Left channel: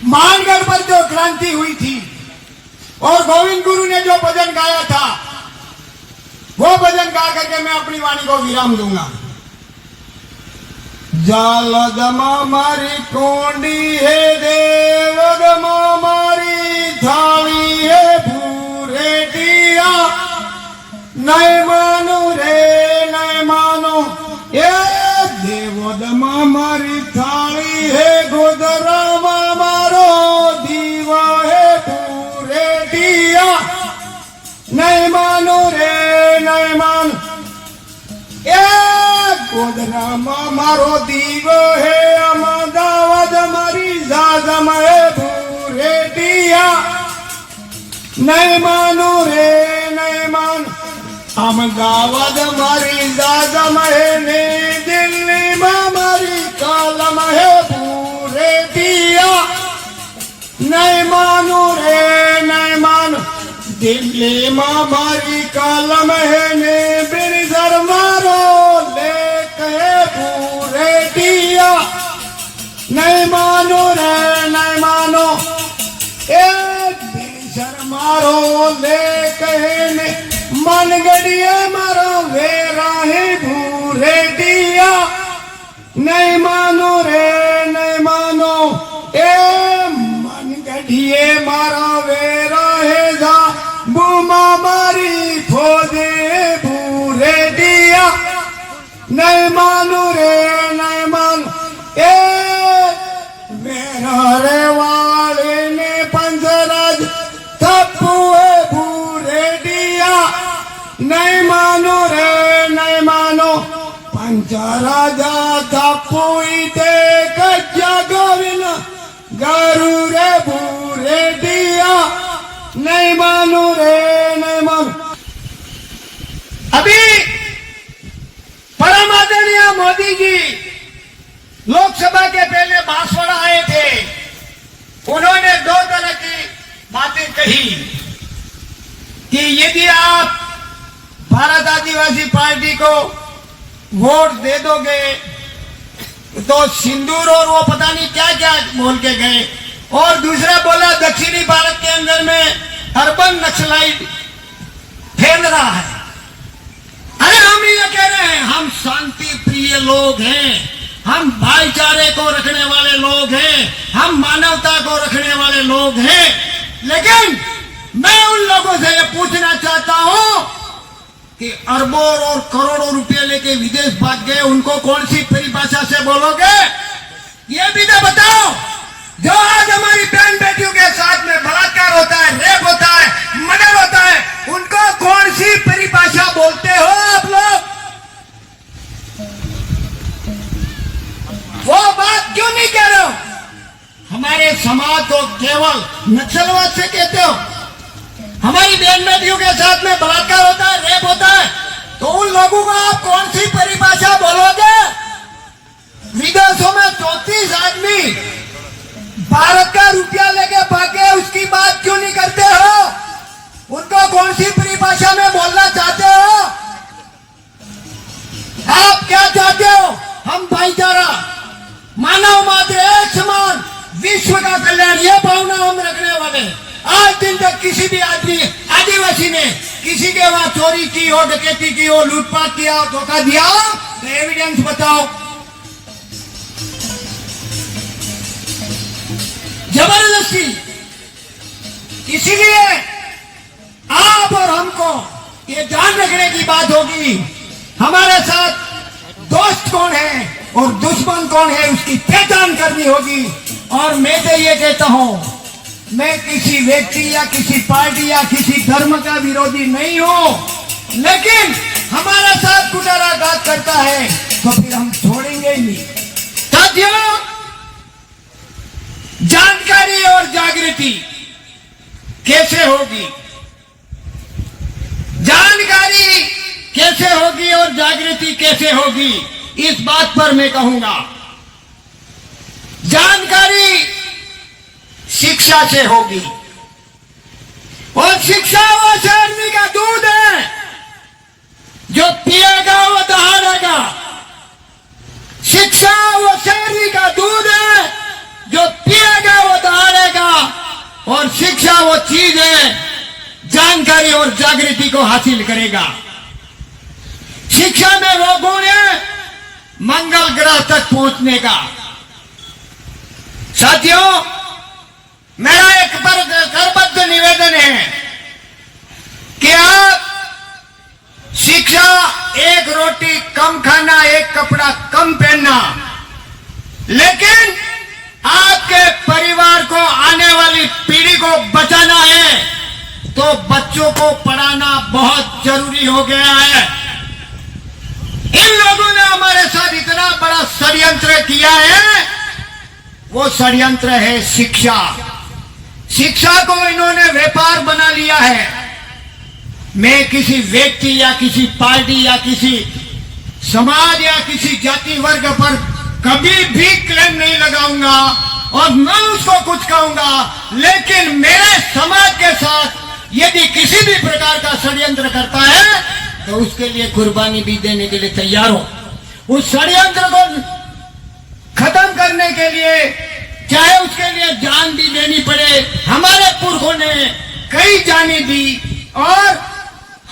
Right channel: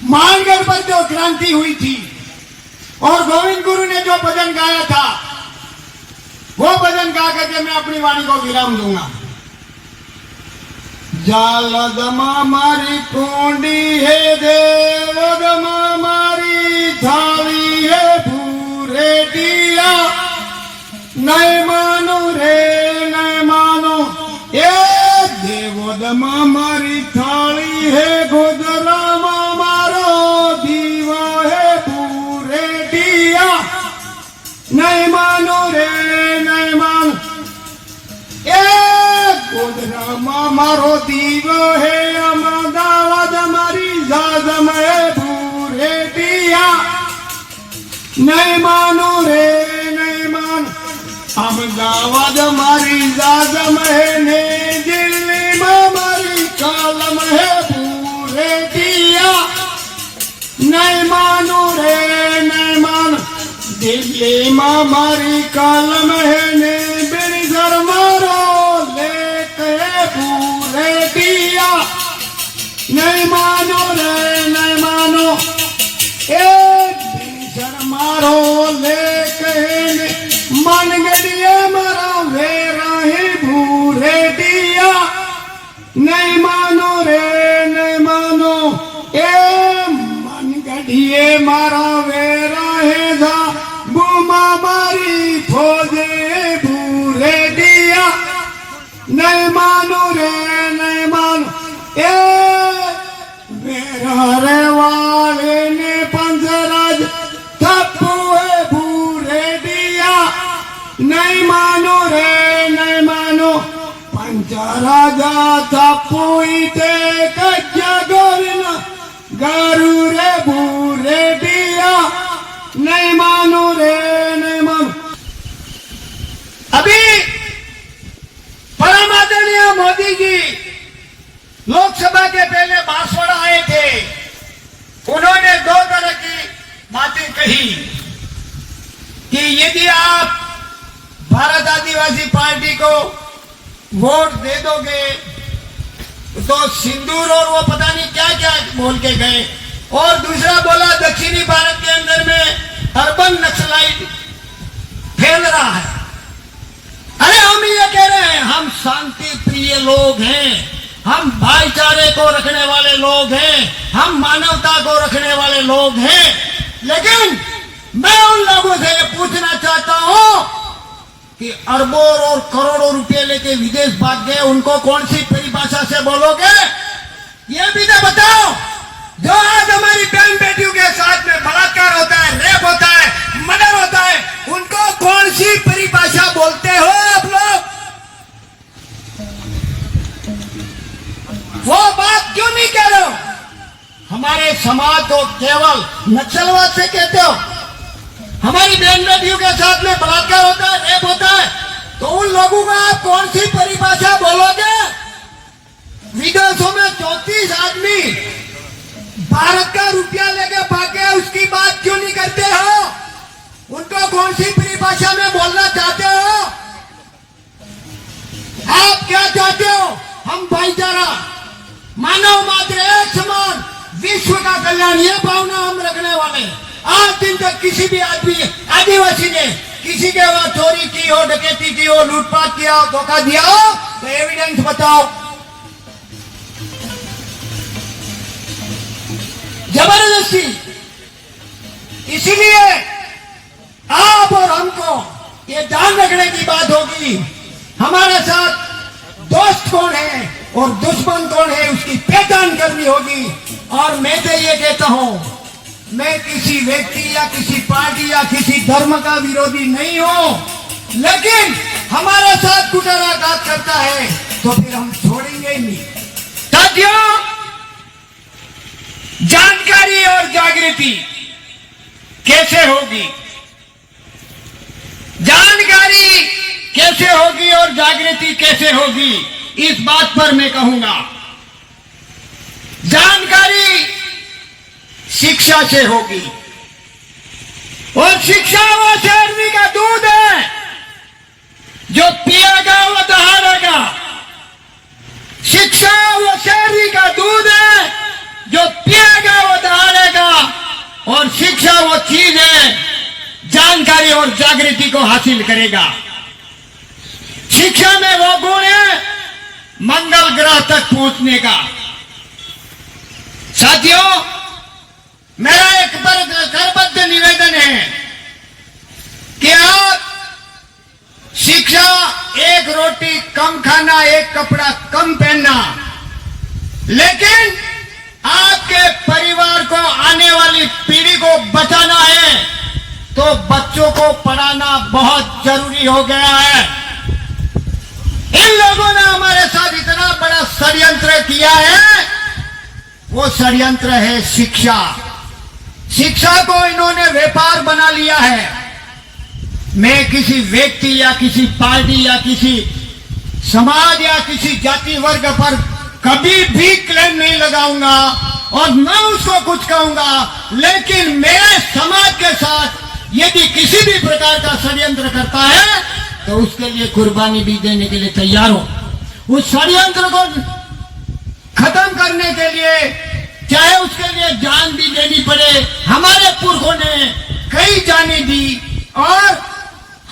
मानगढ़ पर जो क्रांति हुई थी और गोविंद गुरु ने जो भजन गाया था, वो भजन गा करके मैं अपनी वाणी को विराम दूंगा। जालदमा मारी कोंडी है देवदमा मारी थाली है भूरे दिया, नहीं मानो रे नहीं मानो, ये देवदमा मारी थाली है गोदरामा मारो दीवा है भूरे दिया, नहीं मानो रे नहीं मानो, गोदरामा मारो दीवा है अमदावाद मारी जाजम है भूरे दिया, नहीं मानो रे नहीं मानो, अमदावाद मारी जाजम है ने दिल्ली में मारी कालम है भूरे दिया, नहीं मानो रे नहीं मानो, दिल्ली में मारी कालम है ने बिरसर मारो नहीं मानो रे नहीं मानो, एक बिरसर मारो ले कहने मन गड़िए मारो वे राही भूरे दिया, नहीं मानो रे नहीं मानो, ए मन गड़िए मारो वे राहे जा बुमा मारी खोजे भूरे दिया, नहीं मानो रे नहीं मानो, रे वाले ने पंजराज थप्पुए भूरे दिया, नहीं मानो रे नहीं मानो, पंजराजा थप्पुई ते कच्चा गोविंद गारू रे भूरे दिया, नहीं मानो रे नहीं मानो। अभी परम आदरणीय मोदी जी लोकसभा के पहले बांसवाड़ा आए थे, उन्होंने दो तरह की बातें कही कि यदि आप भारत आदिवासी पार्टी को वोट दे दोगे तो सिंदूर और वो पता नहीं क्या क्या बोल के गए, और दूसरा बोला दक्षिणी भारत के अंदर में अर्बन नक्सलाइट फैल रहा है। अरे हम ये कह रहे हैं हम शांति प्रिय लोग हैं, हम भाईचारे को रखने वाले लोग हैं, हम मानवता को रखने वाले लोग हैं, लेकिन मैं उन लोगों से पूछना चाहता हूं कि अरबों और करोड़ों रुपए लेके विदेश भाग गए, उनको कौन सी परिभाषा से बोलोगे? ये भी तो बताओ। जो आज हमारी बहन बेटियों के साथ में बलात्कार होता है, रेप होता है, मर्डर होता है, उनको कौन सी परिभाषा बोलते हो आप लोग? वो बात क्यों नहीं कह रहे हो? हमारे समाज को केवल नक्सलवाद से कहते हो। हमारी बहन बेटियों के साथ में बलात्कार होता है, रेप होता है, तो उन लोगों को आप कौन सी परिभाषा बोलोगे? विदेशों में 34 आदमी भारत का रुपया लेके भागे, उसकी बात क्यों नहीं करते हो? उनको कौन सी परिभाषा में बोलना चाहते हो? आप क्या चाहते हो? हम भाईचारा, मानव मात्र एक समान, विश्व का कल्याण, ये भावना हम रखने वाले। आज दिन तक किसी भी आदमी आदिवासी ने किसी के वहां चोरी की हो, डकैती की हो, लूटपाट किया हो, धोखा दिया हो, तो एविडेंस बताओ। जबरदस्ती। इसीलिए आप और हमको ये ध्यान रखने की बात होगी, हमारे साथ दोस्त कौन है और दुश्मन कौन है, उसकी पहचान करनी होगी। और मैं तो ये कहता हूं, मैं किसी व्यक्ति या किसी पार्टी या किसी धर्म का विरोधी नहीं हूं, लेकिन हमारे साथ कुटाराघात करता है तो फिर हम छोड़ेंगे ही नहीं। साथियों, जानकारी और जागृति कैसे होगी? जानकारी कैसे होगी और जागृति कैसे होगी, इस बात पर मैं कहूंगा। जानकारी शिक्षा से होगी, और शिक्षा वो शेरनी का दूध है, जो पिएगा वो दहाड़ेगा। शिक्षा वो शेरनी का दूध है, जो पिएगा वो दहाड़ेगा। वो चीज है जानकारी और जागृति को हासिल करेगा। शिक्षा में वो गुण है मंगल ग्रह तक पहुंचने का। साथियों, मेरा एक पर करबद्ध निवेदन है कि आप शिक्षा, एक रोटी कम खाना, एक कपड़ा कम पहनना, लेकिन आपके परिवार को, आने वाली पीढ़ी को बचाना है तो बच्चों को पढ़ाना बहुत जरूरी हो गया है। इन लोगों ने हमारे साथ इतना बड़ा षड्यंत्र किया है, वो षड्यंत्र है शिक्षा। शिक्षा को इन्होंने व्यापार बना लिया है। मैं किसी व्यक्ति या किसी पार्टी या किसी समाज या किसी जाति वर्ग पर कभी भी क्लेम नहीं लगाऊंगा और न उसको कुछ कहूंगा, लेकिन मेरे समाज के साथ यदि किसी भी प्रकार का षड्यंत्र करता है तो उसके लिए कुर्बानी भी देने के लिए तैयार हो। उस षड्यंत्र को खत्म करने के लिए चाहे उसके लिए जान भी देनी पड़े। हमारे पुरखों ने कई जाने दी और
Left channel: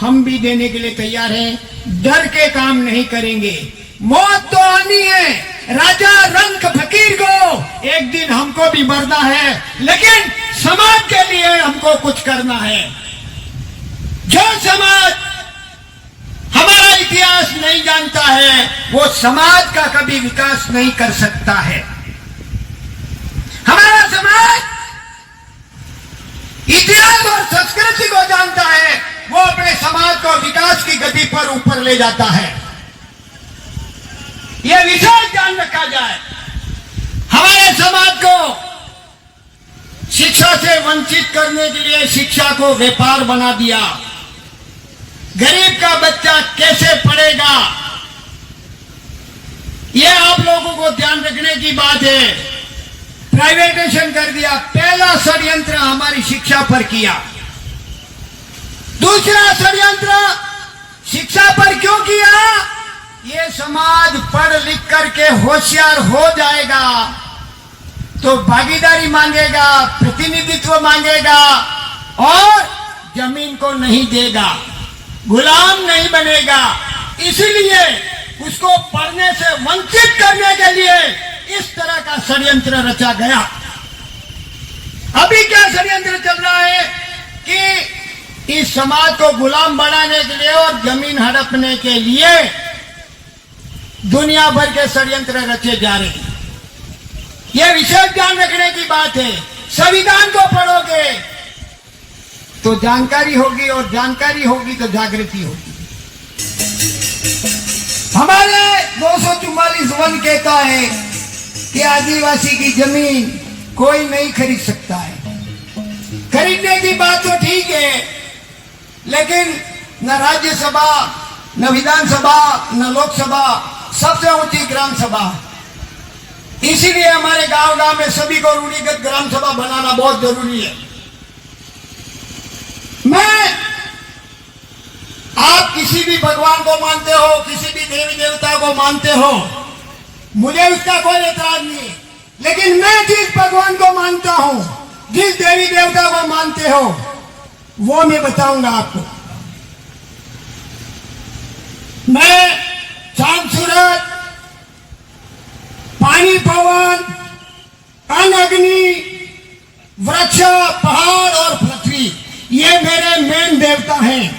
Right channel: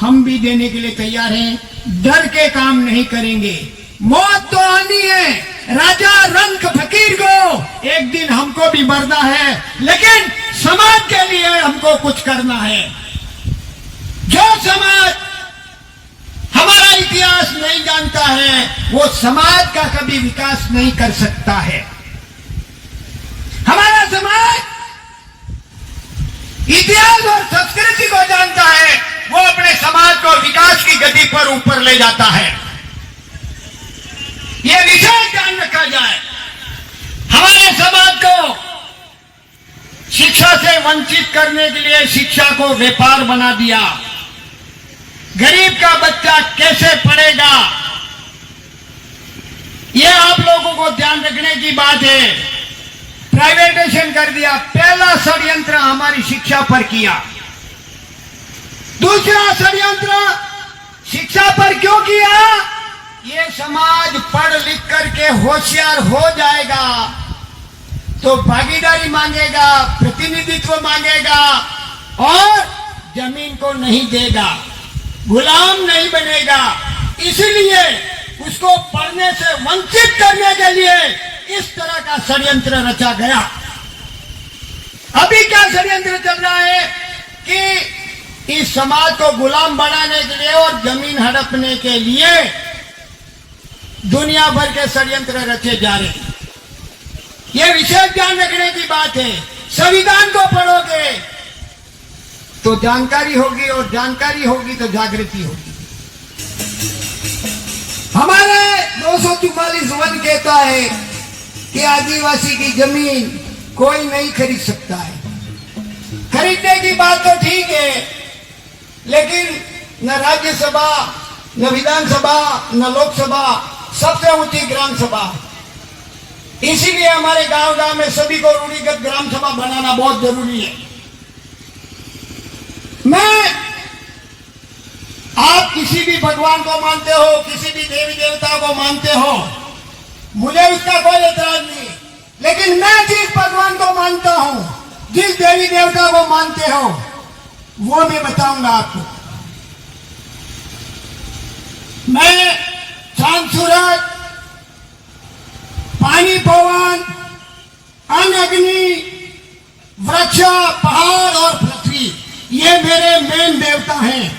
हम भी देने के लिए तैयार हैं। डर के काम नहीं करेंगे। मौत तो आनी है, राजा रंग फकीर को एक दिन हमको भी मरना है, लेकिन समाज के लिए हमको कुछ करना है। जो समाज हमारा इतिहास नहीं जानता है वो समाज का कभी विकास नहीं कर सकता है। हमारा समाज इतिहास और संस्कृति को जानता है, वो अपने समाज को विकास की गति पर ऊपर ले जाता है। यह विशेष ध्यान रखा जाए। हमारे समाज को शिक्षा से वंचित करने के लिए शिक्षा को व्यापार बना दिया। गरीब का बच्चा कैसे पढ़ेगा, यह आप लोगों को ध्यान रखने की बात है। प्राइवेटाइजेशन कर दिया। पहला षड्यंत्र हमारी शिक्षा पर किया। दूसरा षड्यंत्र शिक्षा पर क्यों किया? ये समाज पढ़ लिख करके होशियार हो जाएगा तो भागीदारी मांगेगा, प्रतिनिधित्व मांगेगा और जमीन को नहीं देगा, गुलाम नहीं बनेगा। इसलिए उसको पढ़ने से वंचित करने के लिए इस तरह का षड्यंत्र रचा गया। अभी क्या षड्यंत्र चल रहा है कि इस समाज को गुलाम बनाने के लिए और जमीन हड़पने के लिए दुनिया भर के षड्यंत्र रचे जा रहे हैं। यह विशेष ध्यान रखने की बात है। संविधान को पढ़ोगे तो जानकारी होगी और जानकारी होगी तो जागृति होगी। हमारे 244 वन कहता है कि आदिवासी की जमीन कोई नहीं खरीद सकता है। खरीदने की बात तो ठीक है, लेकिन न राज्यसभा, न विधानसभा, न लोकसभा, सबसे ऊंची ग्राम सभा। इसीलिए हमारे गांव गांव में सभी को रूढ़िगत ग्राम सभा बनाना बहुत जरूरी है। आप किसी भी भगवान को मानते हो, किसी भी देवी देवता को मानते हो, मुझे उसका कोई एतराज नहीं, लेकिन मैं जिस भगवान को मानता हूं, जिस देवी देवता को मानते हो, वो मैं बताऊंगा आपको। मैं चांद सूरज, पानी पवन, अन्न अग्नि, वृक्ष, पहाड़ और पृथ्वी, ये मेरे मेन देवता हैं।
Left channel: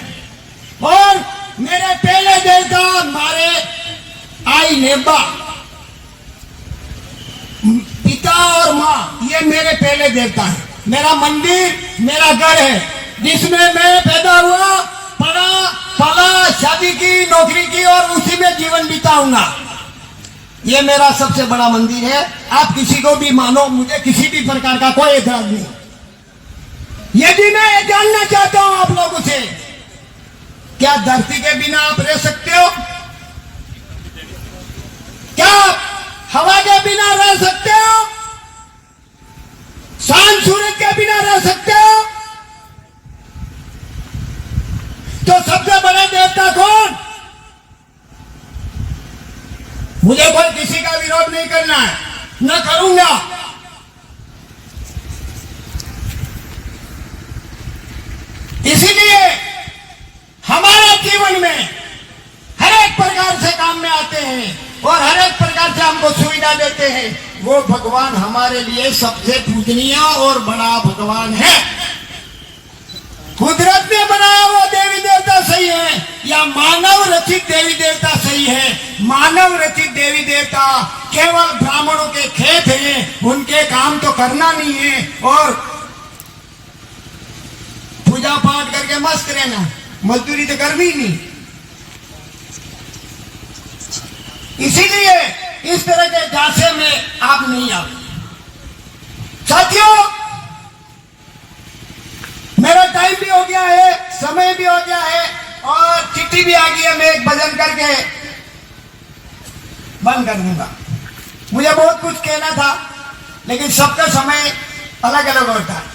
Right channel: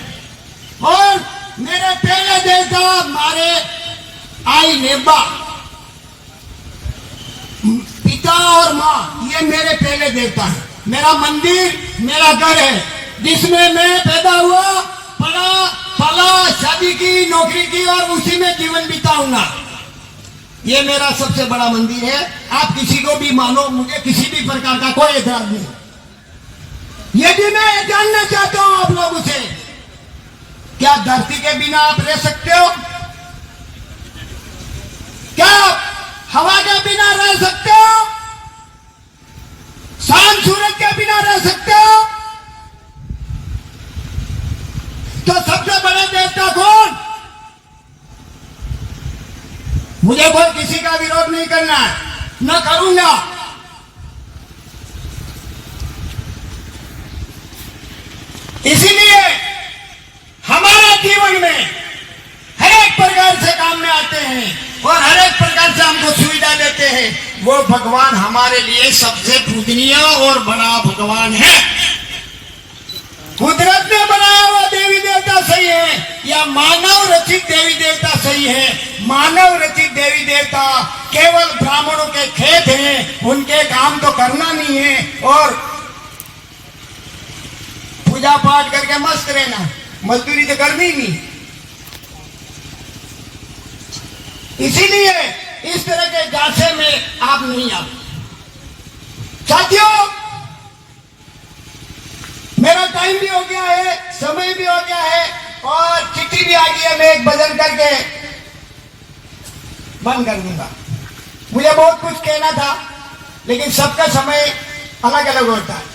और मेरे पहले देवता मारे आई नेबा, पिता और माँ, ये मेरे पहले देवता हैं। मेरा मंदिर मेरा घर है जिसमें मैं पैदा हुआ, पढ़ा, पला, शादी की, नौकरी की और उसी में जीवन बिताऊंगा। ये मेरा सबसे बड़ा मंदिर है। आप किसी को भी मानो, मुझे किसी भी प्रकार का कोई एतराज नहीं। यदि मैं जानना चाहता हूं आप लोगों से, क्या धरती के बिना आप रह सकते हो? क्या आप हवा के बिना रह सकते हो? शाम सूरज के बिना रह सकते हो? तो सबसे बड़ा देवता कौन? मुझे बोल किसी का विरोध नहीं करना है, न करूंगा। हैं और हर एक प्रकार से हमको सुविधा देते हैं, वो भगवान हमारे लिए सबसे पूजनीय और बड़ा भगवान है। कुदरत ने बनाया हुआ देवी देवता सही है या मानव रचित देवी देवता सही है? मानव रचित देवी देवता केवल ब्राह्मणों के खेत हैं, उनके काम तो करना नहीं है और पूजा पाठ करके मस्त रहना, मजदूरी तो करनी ही नहीं। इसीलिए इस तरह के जासे में आप नहीं आते। साथियों, मेरा टाइम भी हो गया है, समय भी हो गया है और चिट्ठी भी आ गई है। मैं एक भजन करके बंद कर दूंगा। मुझे बहुत कुछ कहना था, लेकिन सबका समय अलग अलग होता है।